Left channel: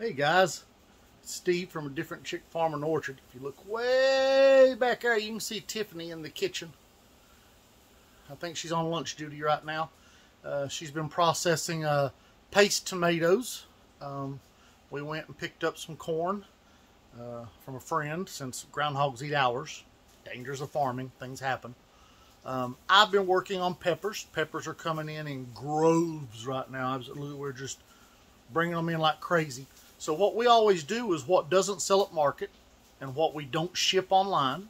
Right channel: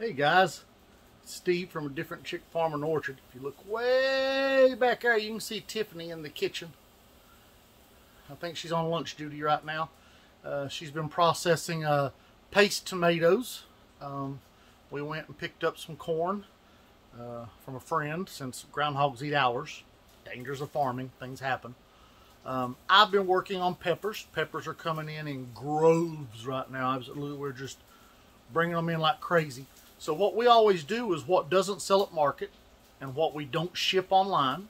Hey guys, it's Steve from a different chick farm and orchard. If you look way back there, you can see Tiffany in the kitchen. I think she's on lunch duty right now. She's been processing paste tomatoes. We went and picked up some corn from a friend, since groundhogs eat ours. Dangers of farming, things happen. I've been working on peppers. Peppers are coming in groves right now. Absolutely, we're just bringing them in like crazy. So what we always do is what doesn't sell at market and what we don't ship online,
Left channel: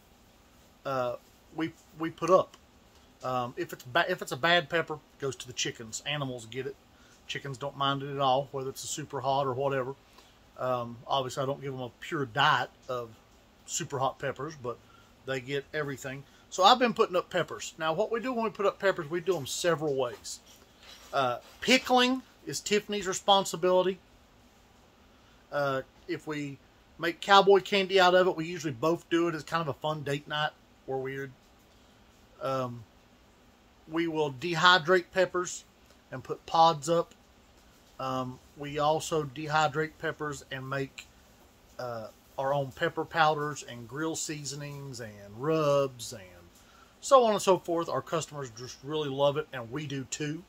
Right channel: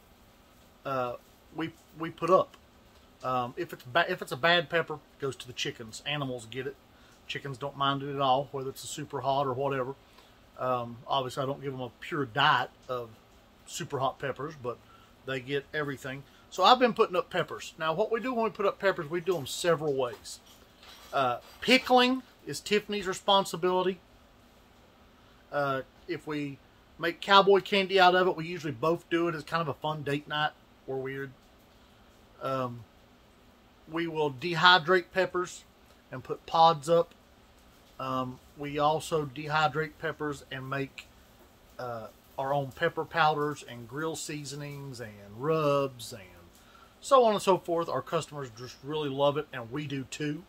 we put up. If it's a bad pepper, it goes to the chickens. Animals get it. Chickens don't mind it at all, whether it's a super hot or whatever. Obviously, I don't give them a pure diet of super hot peppers, but they get everything. So I've been putting up peppers. Now, what we do when we put up peppers, we do them several ways. Pickling is Tiffany's responsibility. If we make cowboy candy out of it, we usually both do it as kind of a fun date night. We're weird. We will dehydrate peppers and put pods up. We also dehydrate peppers and make our own pepper powders and grill seasonings and rubs and so on and so forth. Our customers just really love it, and we do too.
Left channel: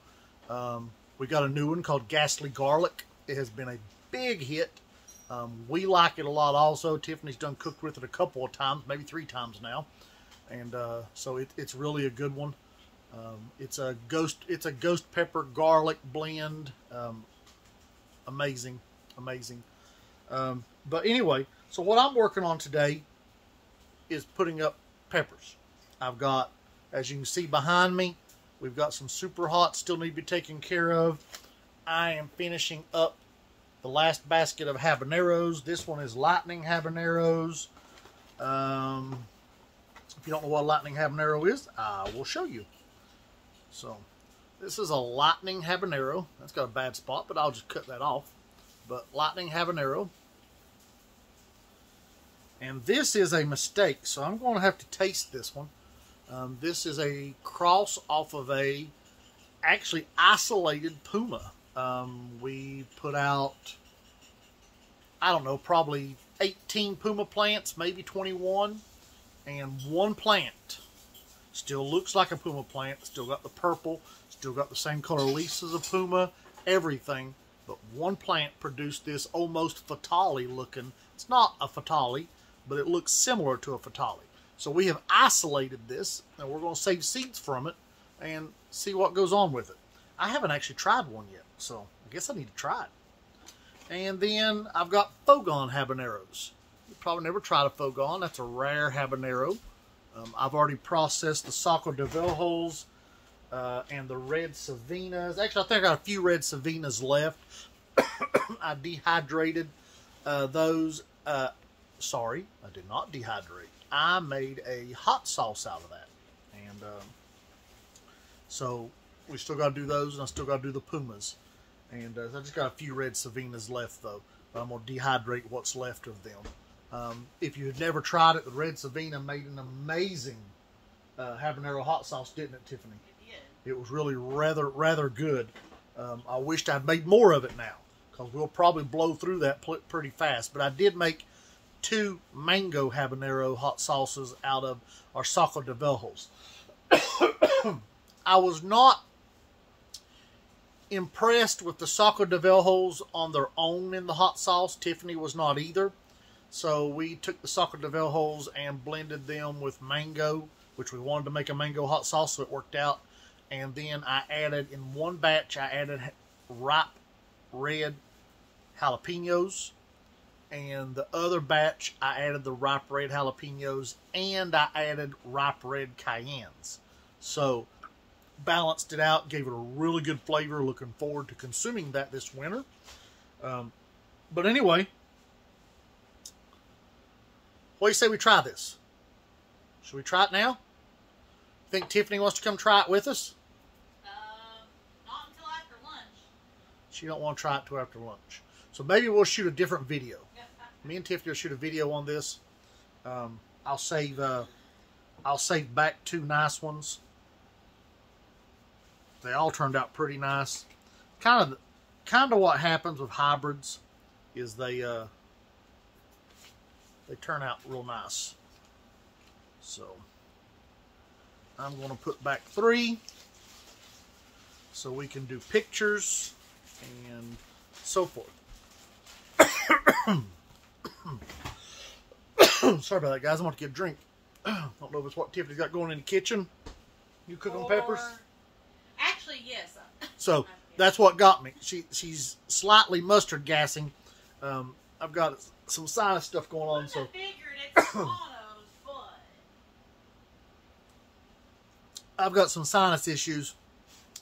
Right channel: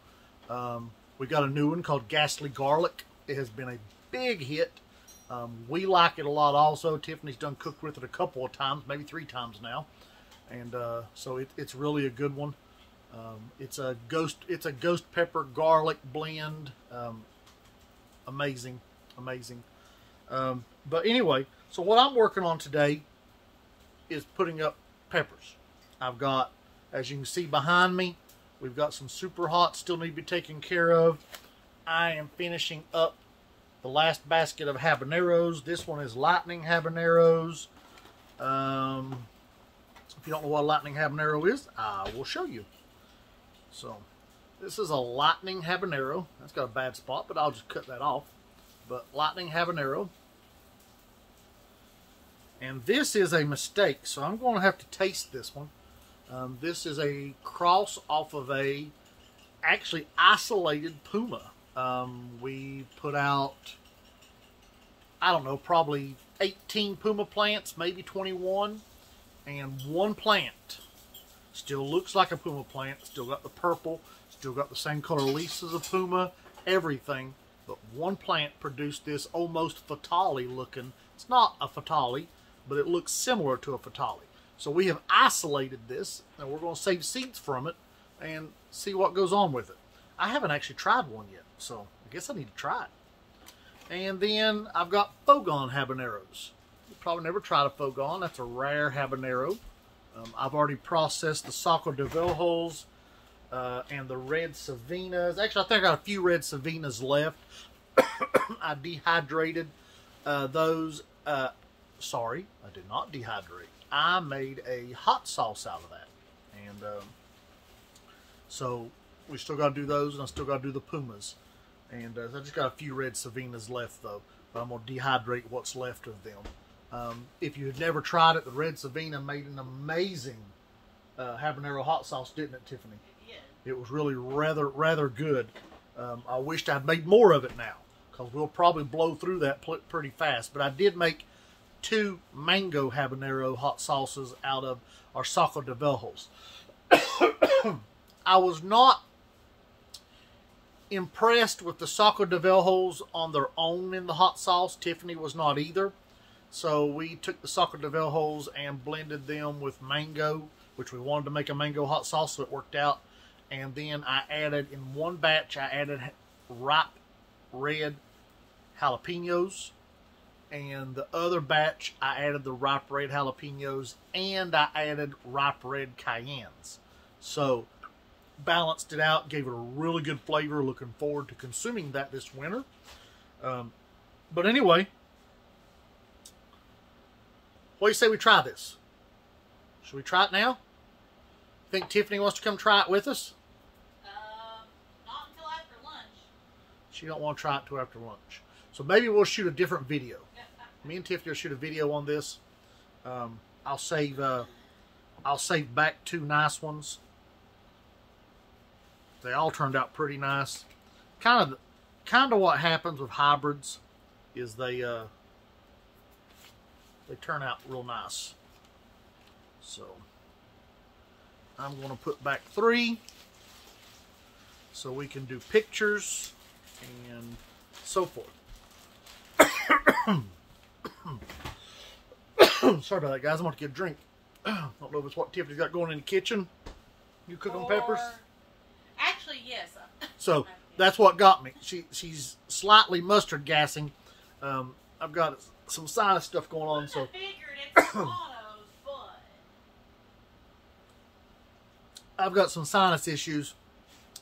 We got a new one called Ghastly Garlic. It has been a big hit. We like it a lot also. Tiffany's done cooked with it a couple of times, maybe 3 times now. And so it's really a good one. It's a ghost pepper garlic blend. Amazing. But anyway, so what I'm working on today is putting up peppers. I've got, as you can see behind me, we've got some super hot still need to be taken care of. I am finishing up the last basket of habaneros. This one is lightning habaneros. If you don't know what a lightning habanero is, I will show you. So, this is a lightning habanero. That's got a bad spot, but I'll just cut that off. But lightning habanero. And this is a mistake, so I'm going to have to taste this one. This is a cross off of a actually isolated puma. We put out, I don't know, probably 18 puma plants, maybe 21, and one plant still looks like a puma plant, still got the purple, still got the same color leaves as a puma, everything, but one plant produced this almost fatale looking. It's not a fatale, but it looks similar to a fatale. So we have isolated this, and we're going to save seeds from it and see what goes on with it. I haven't actually tried one yet, so I guess I need to try it. And then I've got Fogon habaneros. You probably never tried a Fogon. That's a rare habanero. I've already processed the Saco de Velhos and the red Savinas. Actually, I think I got a few red Savinas left. I dehydrated those. Sorry, I did not dehydrate. I made a hot sauce out of that. And so we still got to do those, and I still got to do the Pumas. And I just got a few red Savinas left, though. But I'm going to dehydrate what's left of them. If you had never tried it, the red Savina made an amazing habanero hot sauce, didn't it, Tiffany? It did. It was really rather good. I wished I'd made more of it now, because we'll probably blow through that pretty fast. But I did make 2 mango habanero hot sauces out of our Saco de Velhos. I was not impressed with the Saco de Velhos on their own in the hot sauce. Tiffany was not either. So we took the Saco de Velhos and blended them with mango, which we wanted to make a mango hot sauce, so it worked out. And then I added, in one batch, I added ripe red jalapenos. And the other batch, I added the ripe red jalapenos, and I added ripe red cayennes. So, balanced it out, gave it a really good flavor. Looking forward to consuming that this winter. But anyway, what do you say we try this? Should we try it now? Think Tiffany wants to come try it with us? Not until after lunch. She don't want to try it till after lunch. So maybe we'll shoot a different video. Me and Tiffany will shoot a video on this. I'll save back 2 nice ones. They all turned out pretty nice. Kind of what happens with hybrids. is they turn out real nice. So I'm going to put back 3 so we can do pictures and so forth. Sorry about that, guys. I'm going to get a drink. Don't know if it's what Tiffany's got going in the kitchen. You cooking peppers? Actually, yes. So that's what got me. She's slightly mustard gassing. I've got some sinus stuff going on, so. I figured it's monos, but I've got some sinus issues.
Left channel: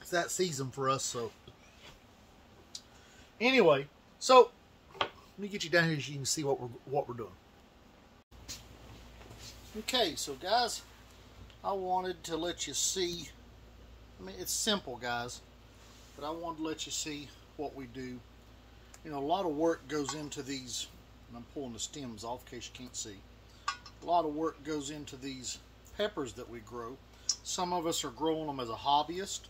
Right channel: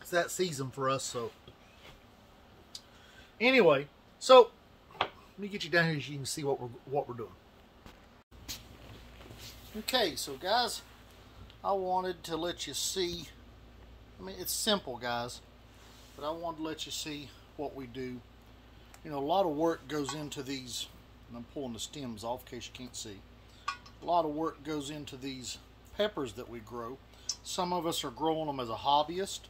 It's that season for us, so. Anyway, so let me get you down here so you can see what we're doing. Okay, so guys, I wanted to let you see. I mean, it's simple, guys, but I wanted to let you see what we do. You know, a lot of work goes into these, and I'm pulling the stems off in case you can't see. A lot of work goes into these peppers that we grow. Some of us are growing them as a hobbyist.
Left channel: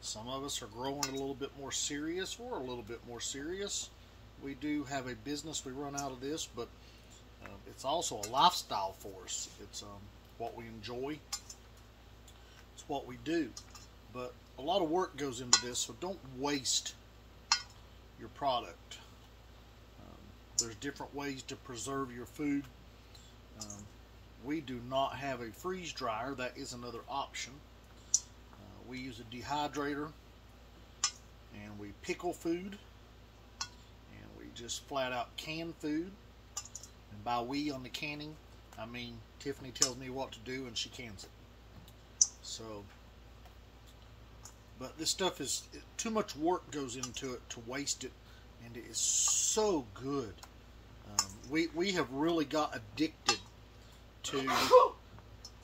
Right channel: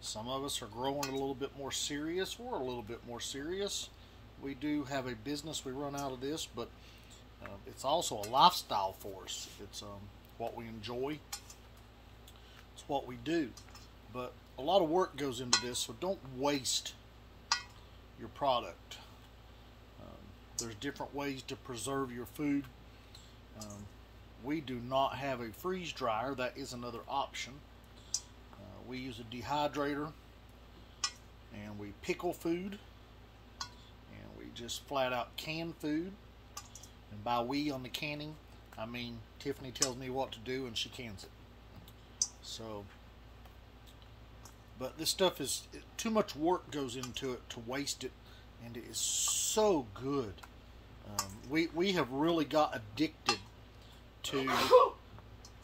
Some of us are growing a little bit more serious. We're a little bit more serious. We do have a business we run out of this, but it's also a lifestyle for us. It's what we enjoy. It's what we do. But a lot of work goes into this, so don't waste your product. There's different ways to preserve your food. We do not have a freeze dryer. That is another option. We use a dehydrator, and we pickle food, and we just flat out can food. And by we on the canning, I mean Tiffany tells me what to do and she cans it. So, but this stuff is, too much work goes into it to waste it, and it is so good. We have really got addicted to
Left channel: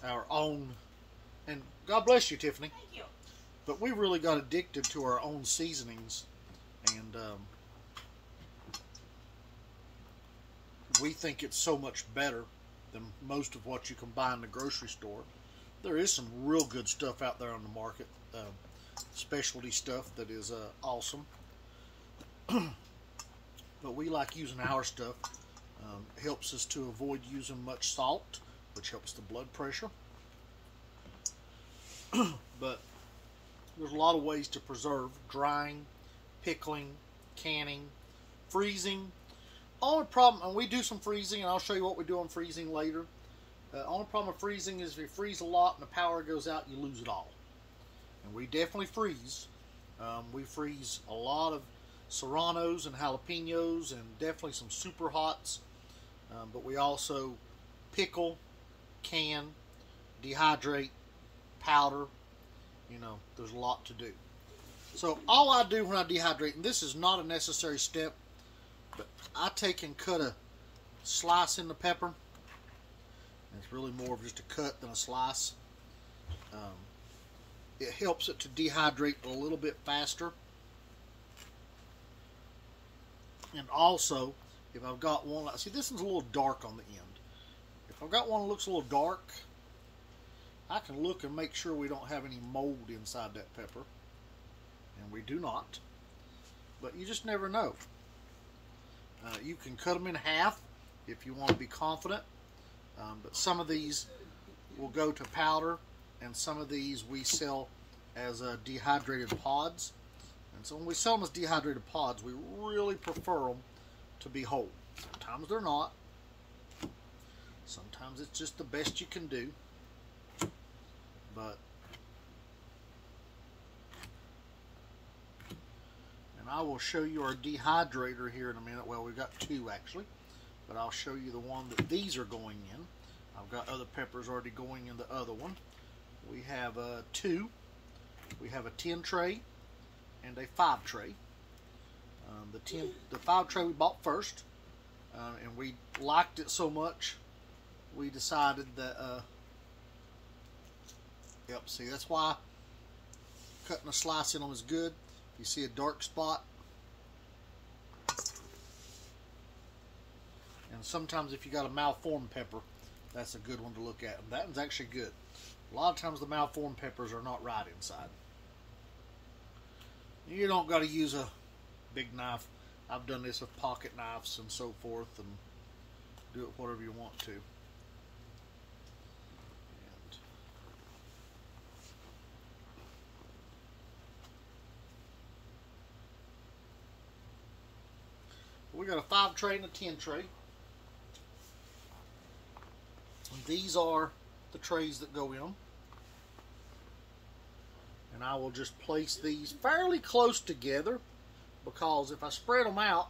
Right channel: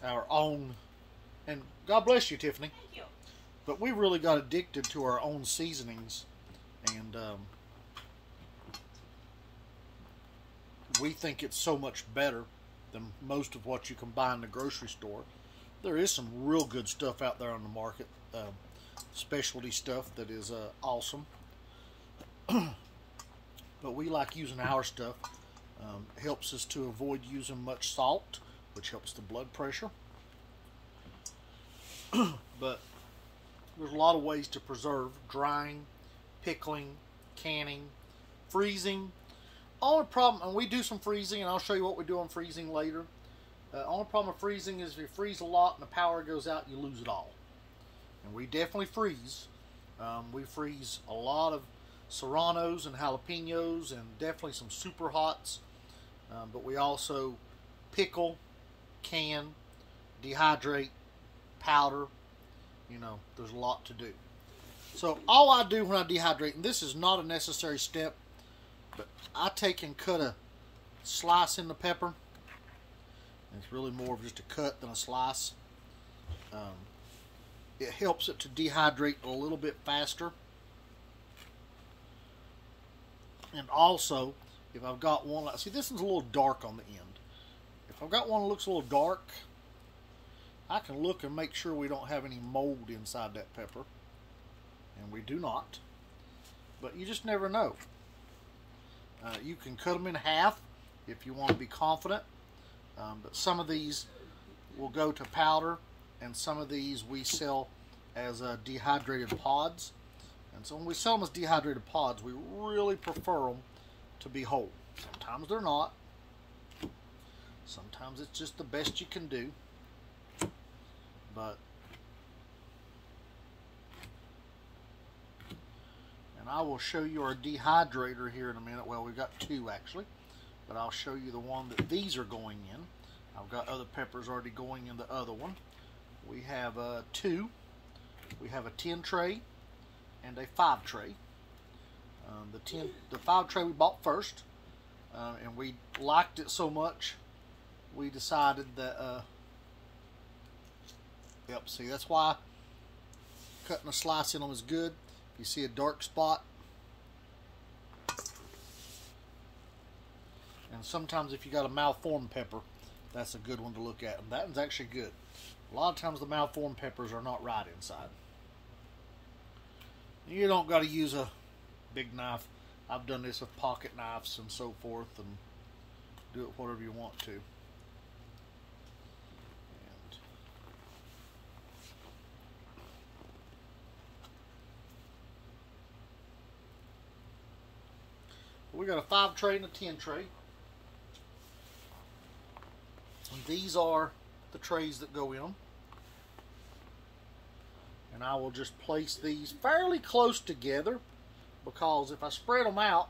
our own, and God bless you, Tiffany. thank you. But we really got addicted to our own seasonings, and we think it's so much better than most of what you can buy in the grocery store. There is some real good stuff out there on the market, specialty stuff that is awesome. But we like using our stuff. It helps us to avoid using much salt, which helps the blood pressure. But there's a lot of ways to preserve: drying, pickling, canning, freezing. Only problem, and we do some freezing, and I'll show you what we do on freezing later. Only problem with freezing is if you freeze a lot and the power goes out, you lose it all. And we definitely freeze. We freeze a lot of serranos and jalapenos, and definitely some super hots. But we also pickle, can, dehydrate, powder. You know, there's a lot to do. So all I do when I dehydrate, and this is not a necessary step, but I take and cut a slice in the pepper. And it's really more of just a cut than a slice. It helps it to dehydrate a little bit faster. And also, if I've got one, like, see, this one's a little dark on the end. If I've got one that looks a little dark, I can look and make sure we don't have any mold inside that pepper. And we do not. But you just never know. You can cut them in half if you want to be confident. But some of these will go to powder, and some of these we sell as dehydrated pods. And so when we sell them as dehydrated pods, we really prefer them to be whole. Sometimes they're not. Sometimes it's just the best you can do. But, and I will show you our dehydrator here in a minute. Well, we've got 2 actually, but I'll show you the one that these are going in. I've got other peppers already going in the other one. We have 2. We have a 10 tray and a 5 tray. The 5 tray we bought first, and we liked it so much we decided that yep, see, that's why cutting a slice in them is good. If you see a dark spot, and sometimes if you got a malformed pepper, that's a good one to look at, and that one's actually good. A lot of times the malformed peppers are not right inside. You don't got to use a big knife. I've done this with pocket knives and so forth, and do it whatever you want to. And we got a 5 tray and a 10 tray. And these are the trays that go in. And I will just place these fairly close together, because if I spread them out,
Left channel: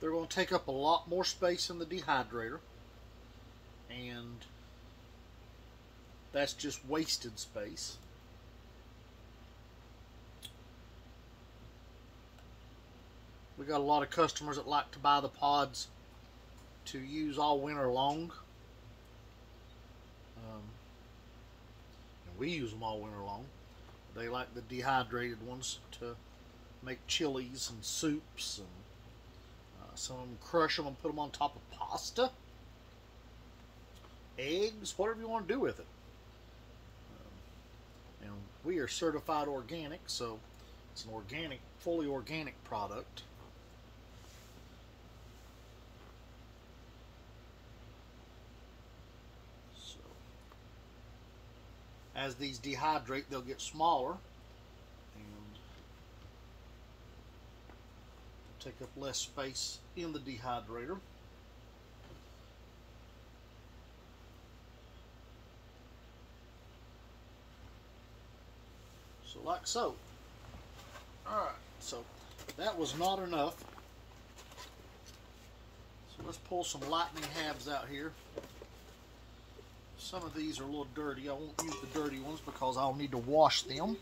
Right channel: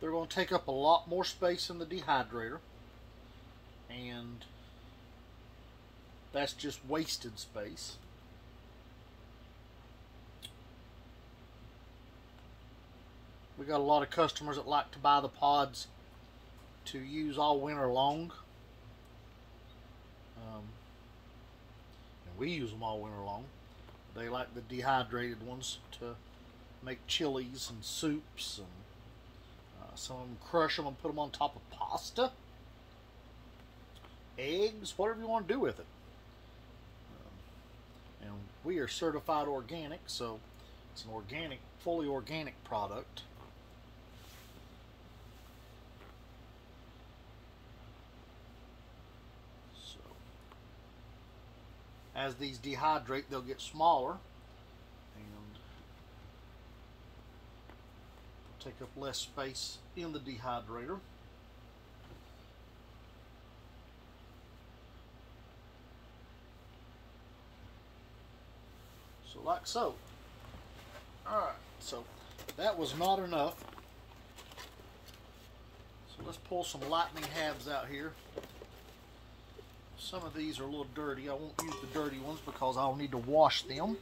they're going to take up a lot more space in the dehydrator, and that's just wasted space. We got a lot of customers that like to buy the pods to use all winter long. And we use them all winter long. They like the dehydrated ones to make chilies and soups, and some of them crush them and put them on top of pasta, eggs, whatever you want to do with it. And we are certified organic, so it's an organic, fully organic product. So as these dehydrate, they'll get smaller and take up less space in the dehydrator. So like so. Alright, so that was not enough. So let's pull some lightning halves out here. Some of these are a little dirty. I won't use the dirty ones because I'll need to wash them.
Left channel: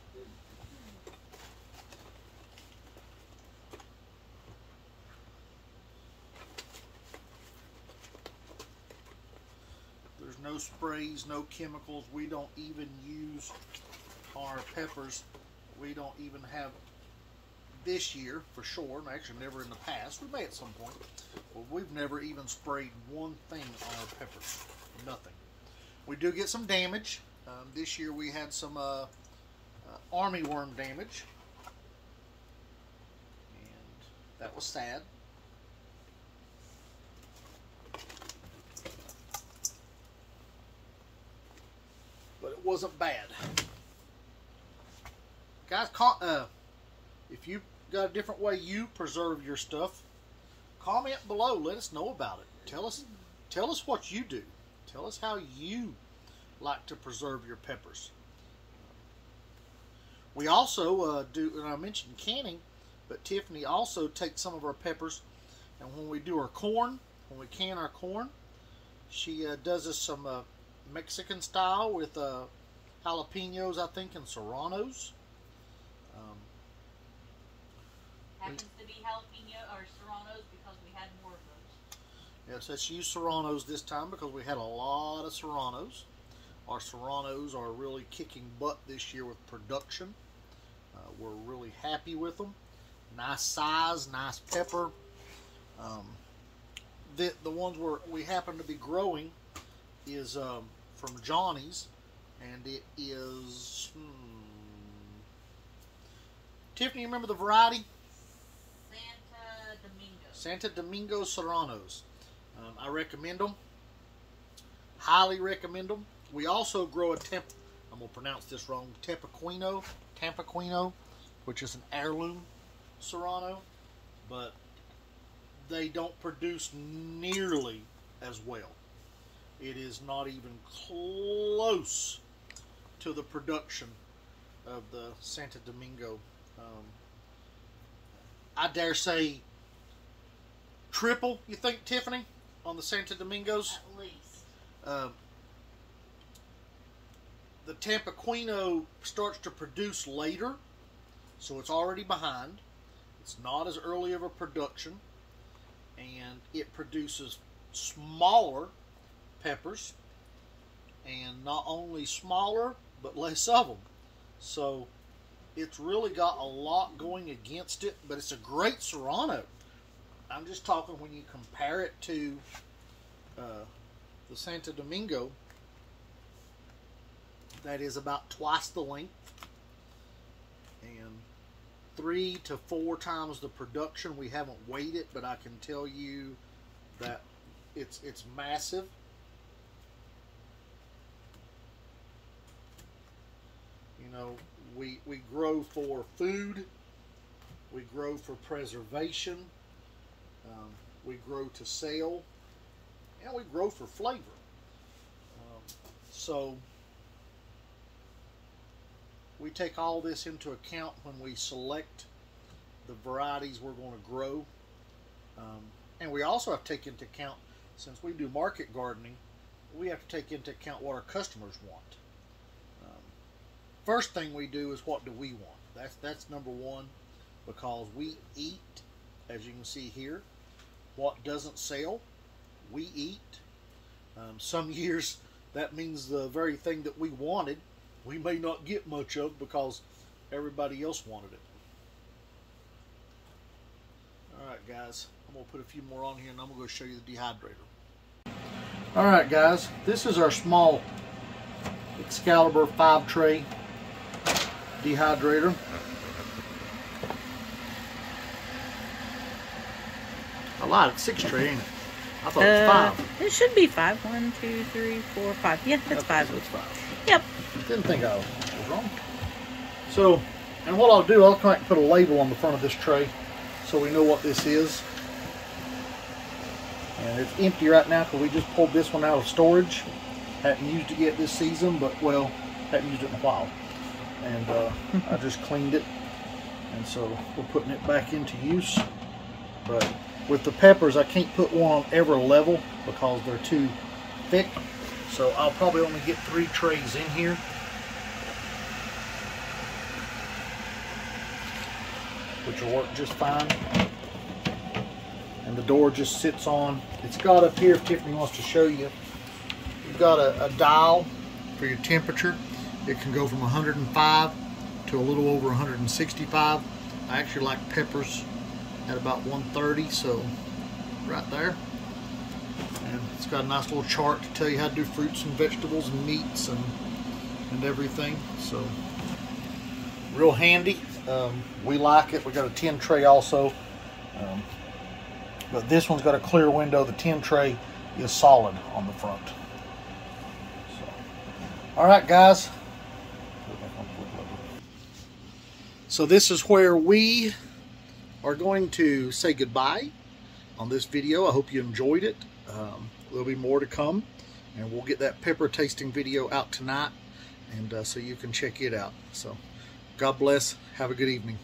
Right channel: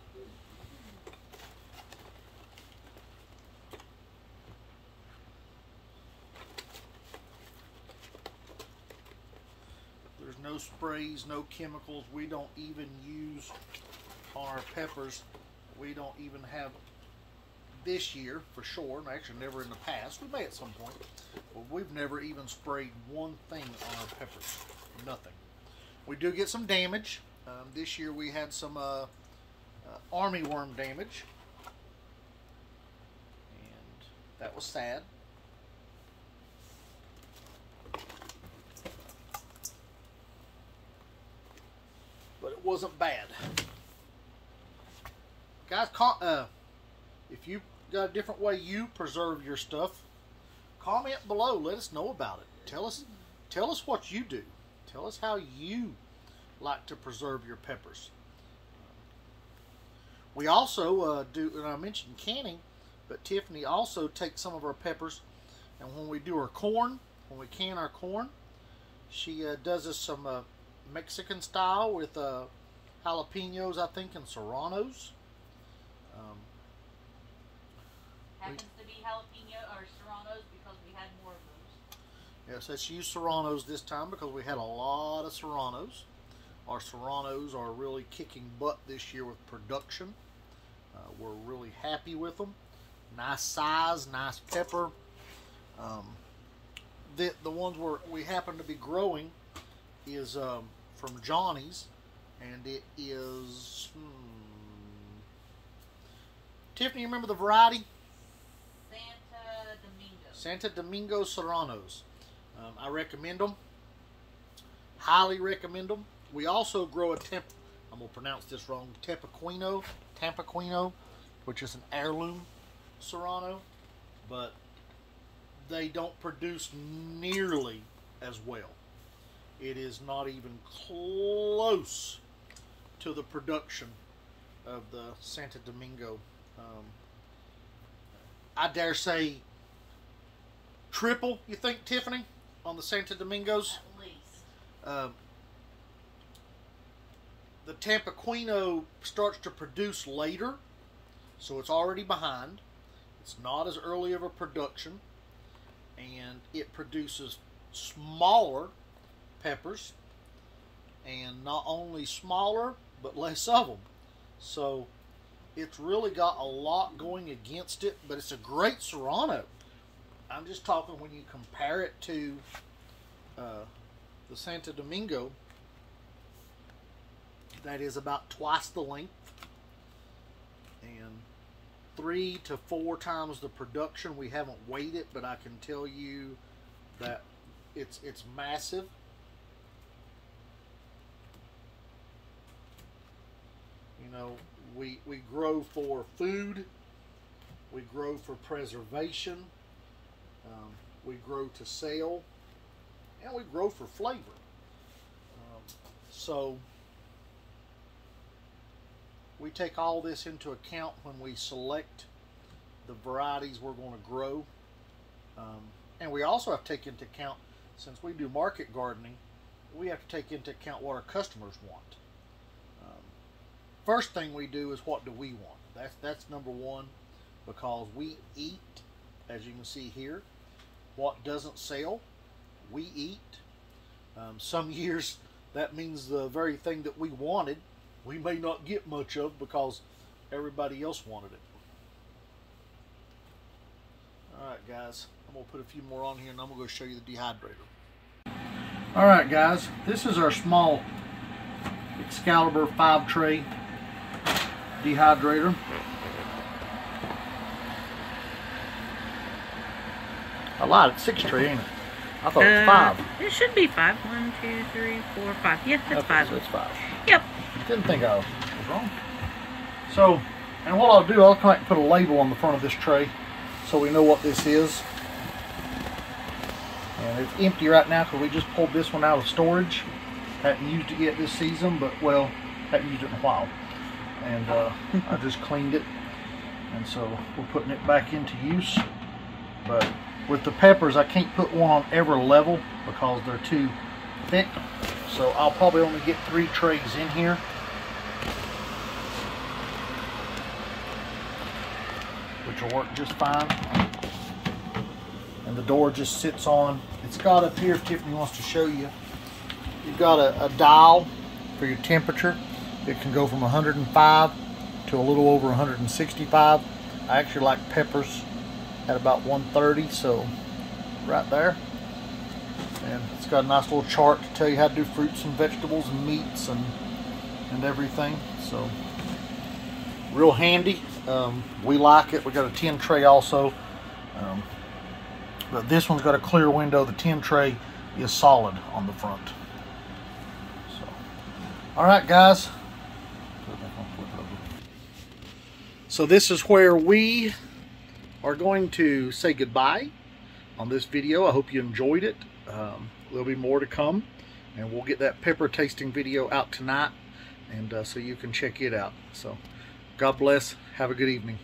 There's no sprays, no chemicals. We don't even use our peppers. We don't even have this year for sure, and actually never in the past. We may at some point, but we've never even sprayed one thing on our peppers. Nothing. We do get some damage. This year we had some army worm damage, and that was sad. But it wasn't bad. Guys, if you got a different way you preserve your stuff, comment below. Let us know about it. Tell us what you do. Tell us how you like to preserve your peppers. We also do, and I mentioned canning, but Tiffany also takes some of our peppers, and when we do our corn, when we can our corn, she does us some Mexican style with jalapenos, I think, and serranos. Happens to be jalapeno or serranos because we had more of those. Yes, let's use serranos this time because we had a lot of serranos. Our serranos are really kicking butt this year with production. We're really happy with them. Nice size, nice pepper. The ones we happen to be growing is from Johnny's, and it is Tiffany, you remember the variety? Santo Domingo Serranos. I recommend them. Highly recommend them. We also grow I'm going to pronounce this wrong, Tampiquino, which is an heirloom Serrano, but they don't produce nearly as well. It is not even close to the production of the Santo Domingo. I dare say triple, you think, Tiffany, on the Santo Domingos? At least. The Tampiquino starts to produce later, so it's already behind. It's not as early of a production, and it produces smaller peppers, and not only smaller, but less of them. So it's really got a lot going against it, but it's a great Serrano. I'm just talking when you compare it to the Santo Domingo, that is about twice the length, and 3 to 4 times the production. We haven't weighed it, but I can tell you that it's massive. You know, we grow for food, we grow for preservation, we grow to sell, and we grow for flavor. So we take all this into account when we select the varieties we're going to grow. And we also have to take into account, since we do market gardening, we have to take into account what our customers want. First thing we do is, what do we want? That's number one, because we eat, as you can see here. What doesn't sell, we eat. Some years that means the very thing that we wanted, we may not get much of because everybody else wanted it. Alright guys, I'm going to put a few more on here and I'm going to go show you the dehydrator. Alright guys, this is our small Excalibur 5 tray dehydrator. I lied, 6 tray, ain't it? I thought it was 5. It should be 5. 1, 2, 3, 4, 5. Yeah, that's 5. That's 5. Yep. Didn't think I was wrong. So, and what I'll do, I'll come back and put a label on the front of this tray so we know what this is. And it's empty right now because we just pulled this one out of storage. Haven't used it yet this season, but well, haven't used it in a while. And I just cleaned it. And so we're putting it back into use. But with the peppers, I can't put one on every level because they're too thick. So I'll probably only get 3 trays in here. Which will work just fine. And the door just sits on. It's got up here, if Tiffany wants to show you, you've got a dial for your temperature. It can go from 105 to a little over 165. I actually like peppers at about 130, so right there. And it's got a nice little chart to tell you how to do fruits and vegetables and meats and everything. So real handy. We like it. We got a 10 tray also, but this one's got a clear window. The 10 tray is solid on the front. So, all right, guys. So this is where we are going to say goodbye on this video. I hope you enjoyed it. There'll be more to come, and we'll get that pepper tasting video out tonight, and so you can check it out. So God bless. Have a good evening.